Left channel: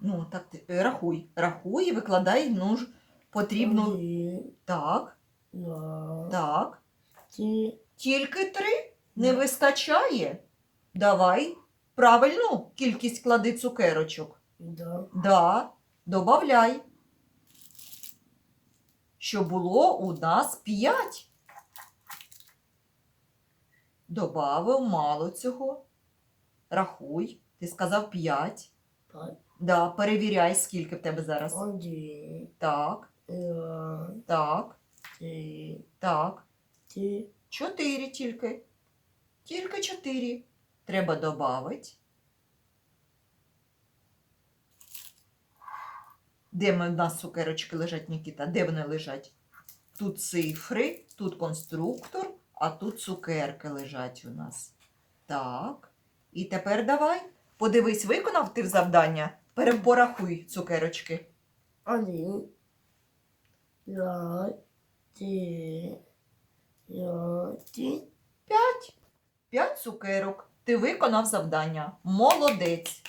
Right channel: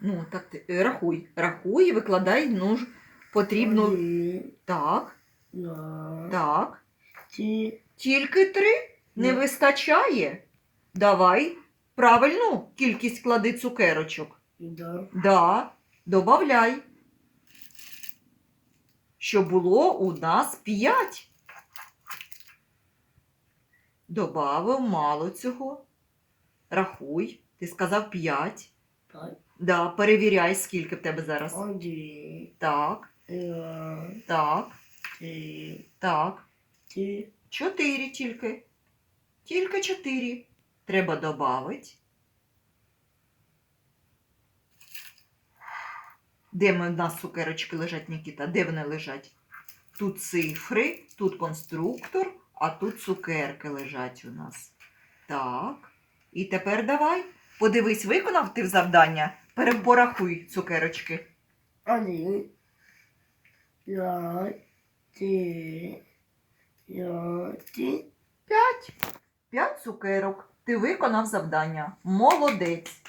Ну, так ти е, рахуй. Рахуй і викладай ну, ж, потрібно. Один, Так, два, так. три, Тільки три? Не вистачає? Давай правильну кількість клади цукерочок. да, Да, добавляй. Що було у нас п'ять. Добавив мало цього. Рахуй. Ти сказав п'ять. пять, Да, перевіряй, скільки в тебе зараз. один, Так, два, так, три, так. три, Чотири тільки. Тільки чотири. Треба додати. Де в нас цукерочки лежать, Нікіта? Де вони лежать? Тут цифри, тут конструктор, а тут цукерки лежать у нас. Так. І тепер давай. Подивись, виконав ти завдання. Перепорахуй цукерочки. один, пять, П'ять. П'ять цукерок. Ти виконав завдання. Молодець.